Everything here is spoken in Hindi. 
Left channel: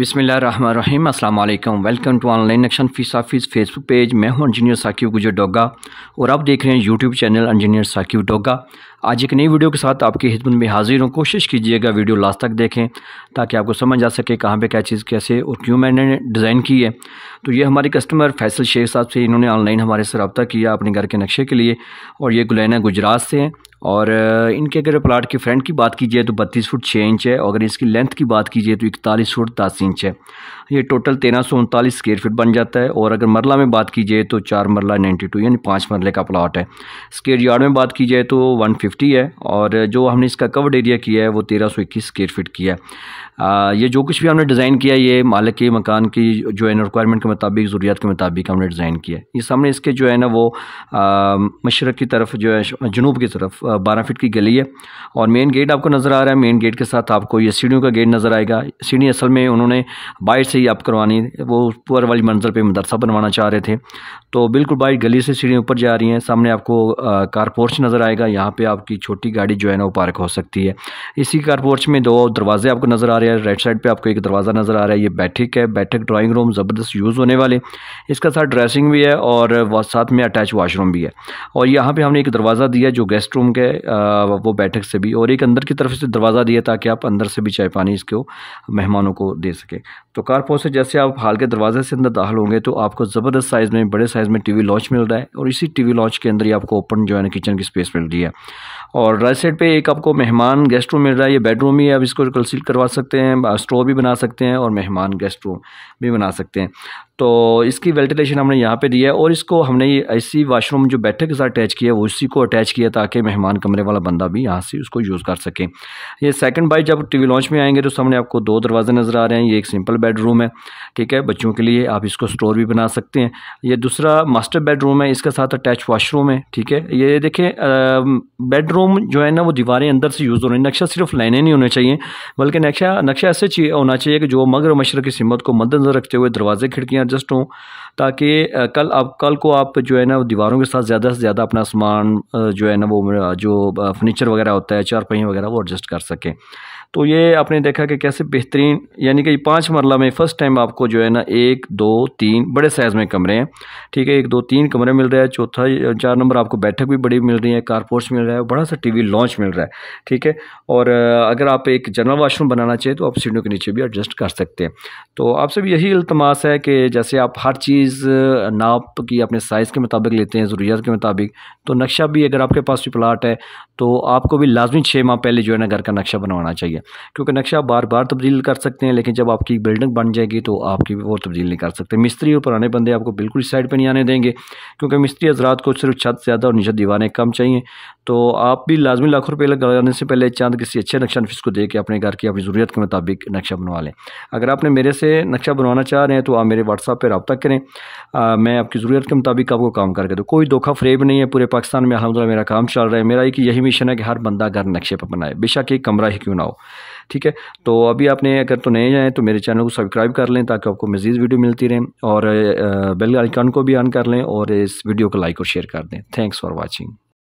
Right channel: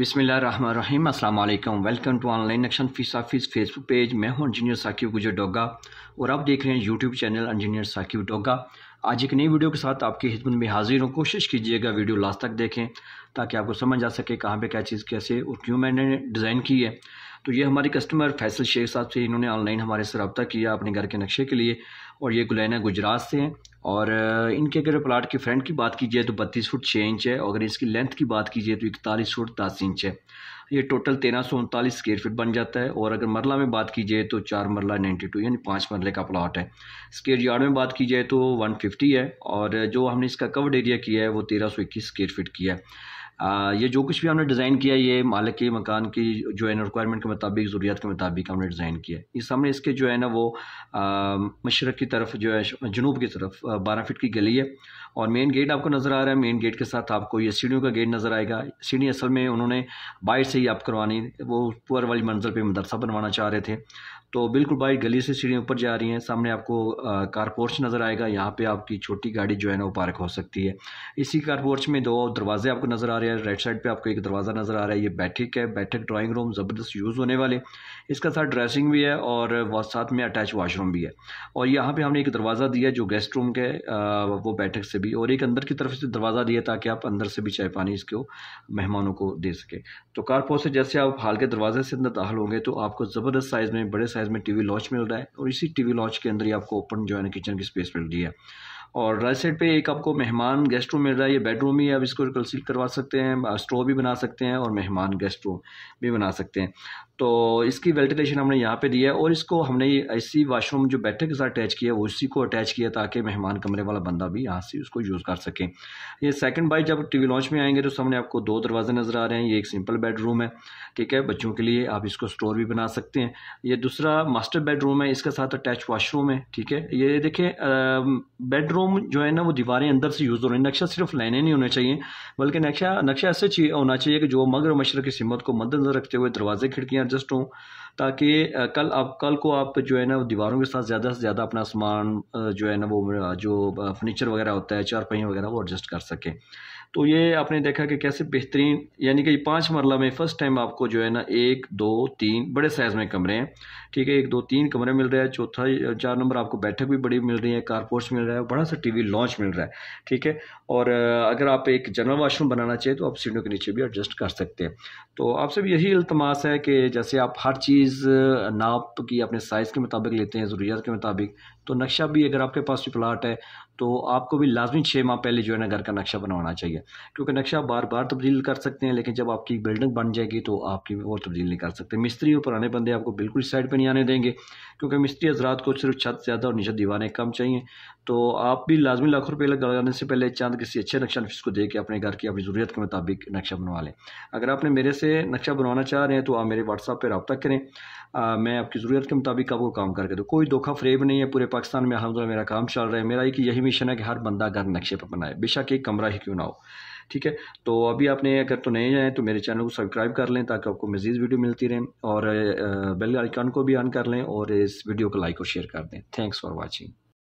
बिस्मिल्लाहिर्रहमानिर्रहीम अस्सलाम वालेकुम। वेलकम टू ऑनलाइन नक्शन फीस ऑफिस फेसबुक पेज। मैं हूं इंजीनियर साकिब गुजर डोगा और आप देख रहे हैं YouTube channel engineer Saqib Doga. आज एक नई वीडियो के साथ आपकी खिदमत में हाजिर हूं। कोशिश कीजिएगा वीडियो लास्ट तक देखें ताकि आपको समझ आ सके कहाँ पे क्या चीज़ कैसे और क्यों मैंने डिज़ाइन की है। तो ये हमारे कस्टमर फैसल शेख साहब से, इन्होंने ऑनलाइन हमारे से रब्ता किया अपने घर के नक्शे के लिए और ये गुलैना गुजरात से हैं। और इनके अगर प्लाट की फ्रंट की बात कीजिए तो 32 फुट 6 इंच है और अगर इसकी लेंथ की बात कीजिए तो 41 फुट 10 इंच है। ये टोटल 1339 स्क्वायर फीट बन जाता है। और अगर मरला में बात कीजिए तो 4 मरला 92 यानी 5 मरले का प्लाट है। स्क्वायर यार्ड में बात कीजिए तो 150 है और जो हमने इसका कवर्ड एरिया किया है वो 1321 स्क्वायर फीट किया है। ये जो कुछ भी हमने डिज़ाइन किया ये मालिक के मकान की जो है ना रिक्वायरमेंट के मुताबिक, ज़रूरियात के मुताबिक हमने डिज़ाइन किया है। ये सामने इसके जो है ना वो मशरक़ की तरफ जो है जनूब की तरफ 12 फीट की गली है और मेन गेट आपको नज़र आ रहा है। मेन गेट के साथ आपको ये सीढ़ियों का गेट नज़र आएगा। सीढ़ी असल में उन्होंने बाहर से ही आप करवानी, वो ऊपर वाली मंजिल पे मदरसा बनवाना चाह रहे थे तो बिल्कुल बाहर गली से सीढ़ियाँ ऊपर जा रही हैं। सामने आपको कार पोर्च नज़र आएगा। यहाँ पे आपकी छोटी गाड़ी जो है ना वो पार्क हो सकती है। इसी कार पोर्च में 2 दरवाजे आपको नज़र आ रहे हैं। राइट साइड पे आपको एक दरवाज़ा नज़र आ रहा है। ये बैठक है, बैठक ड्राइंग रूम ज़बरदस्त यूज़ होने वाले। इसका साथ ड्रेसिंग भी है और साथ में अटैच वाशरूम भी है। और यहाँ पे हमने एक दरवाज़ा दिया जो गेस्ट रूम के वो बैठक से भी, और एक अंदर की तरफ से दरवाज़ा दिया ताकि आप अंदर से भी चाय पानी इसको मेहमानों को दे सके। तो कार पोर्च से जैसे आप हाल के दरवाजे से अंदर दाखिल होंगे तो आपको ज़बरदस्त साइज़ में, बड़े साइज़ में टीवी लॉन्च मिल रहा है और इसी टीवी लॉन्च के अंदर ही आपको ओपन जो है ना किचन की स्पेस मिल रही है। और राइट साइड पे एक आपको मेहमान गेस्ट रूम मिल रहा है। ये बेडरूम ही है, आप इसको कंसील करवा सकते हैं, स्टोर भी बना सकते हैं और मेहमान गेस्ट रूम भी बना सकते हैं। तो इसकी वेंटिलेशन हमने यहाँ पे दी है और इसको हमने ये ऐसी वाशरूम जो बैठक के साथ अटैच किया है वो इसी को अटैच किया ताकि मेहमान कमरे वाला बंदा भी यहाँ से उसको यूज़ कर सके। ये सेकंड बाई जब टीवी लॉन्च में आएंगे तो सामने आपको 2 दरवाजे नज़र आ रहे हैं। ये एक सिंपल बेडरूम है, ठीक है, बच्चों के लिए आप इसको स्टोर भी बना सकते हैं। ये दूसरा मास्टर बेडरूम है, इसके साथ अटैच वाशरूम है, ठीक है। ये देखें बेडरूम जो है ना वो दीवारें अंदर से यूज़ हो रही हैं। नक्शा सिर्फ लाइनें नहीं होने चाहिए बल्कि नक्शा ऐसे होना चाहिए कि जो मगर मशरक़ की सिमत को मद्देनज़र रखते हुए दरवाजे खिड़कियाँ एडजस्ट हों ताकि कल को आप जो है ना दीवारों के साथ ज़्यादा से ज़्यादा अपना सामान जो है ना वो जो फर्नीचर वगैरह होता है, चारपाई वगैरह, वो एडजस्ट कर सकें। तो ये आपने देखा कि कैसे बेहतरीन, यानी कि 5 मरला में फ़र्स्ट टाइम आपको जो है ना 1 2 3 बड़े साइज़ में कमरे हैं, ठीक है। 1 2 3 कमरे मिल रहा है। चौथा 4 नंबर आपको बैठक भी बड़ी मिल रही है, कार पोर्च मिल रहा है, बड़ा सा टीवी लॉन्च मिल रहा है, ठीक है। और अगर आप एक जनरल वाशरूम बनाना चाहिए तो आप सीढ़ियों के नीचे भी एडजस्ट कर सकते हैं। तो आपसे भी यही इल्तमास है कि जैसे आप हर चीज़ नाप की अपने साइज़ के मुताबिक लेते हैं, ज़रूरियात के मुताबिक, तो नक्शा भी अगर आपके पास भी प्लाट है तो आपको भी लाजमी 6 माह पहले जो है ना घर का नक्शा बनवाना चाहिए, क्योंकि नक्शा बार बार तब्दील कर सकते हैं लेकिन जब आपकी बिल्डिंग बन जाएगी तो आपकी वो तब्दील नहीं कर सकते। मिस्त्री और पुराने बंदे आपको बिल्कुल इस साइड पे नहीं आने देंगे क्योंकि मिस्त्री हज़रात को सिर्फ छत ज़्यादा और नीचे दीवारें कम चाहिए। तो आप भी लाजमी लाखों रुपये लगाने से पहले चंद किसी अच्छे नक्शा नफीस को दे के अपने घर की अपनी ज़रूरत के मुताबिक नक्शा बनवा लें। अगर आपने मेरे से नक्शा बनवाना चाह रहे हैं तो आप मेरे व्हाट्सएप पर रब्ता करें। मैं आपकी ज़रूरत के मुताबिक आपको काम करके दूँ। कोई धोखा फ़रेब नहीं है। पूरे पाकिस्तान में अल्हम्दुलिल्लाह मेरा काम चल रहा है। मेरा एक यही मिशन है कि हर बंदा घर नक्शे पर बनाए, बेशक एक कमरा ही क्यों ना हो, ठीक है। तो अभी आपने अगर तो नए हैं तो मेरे चैनल को सब्सक्राइब कर लें ताकि आपको मज़ीद वीडियो मिलती रहें और बेल आइकन को भी ऑन कर लें और इस वीडियो को लाइक और शेयर कर दें। Thanks for watching.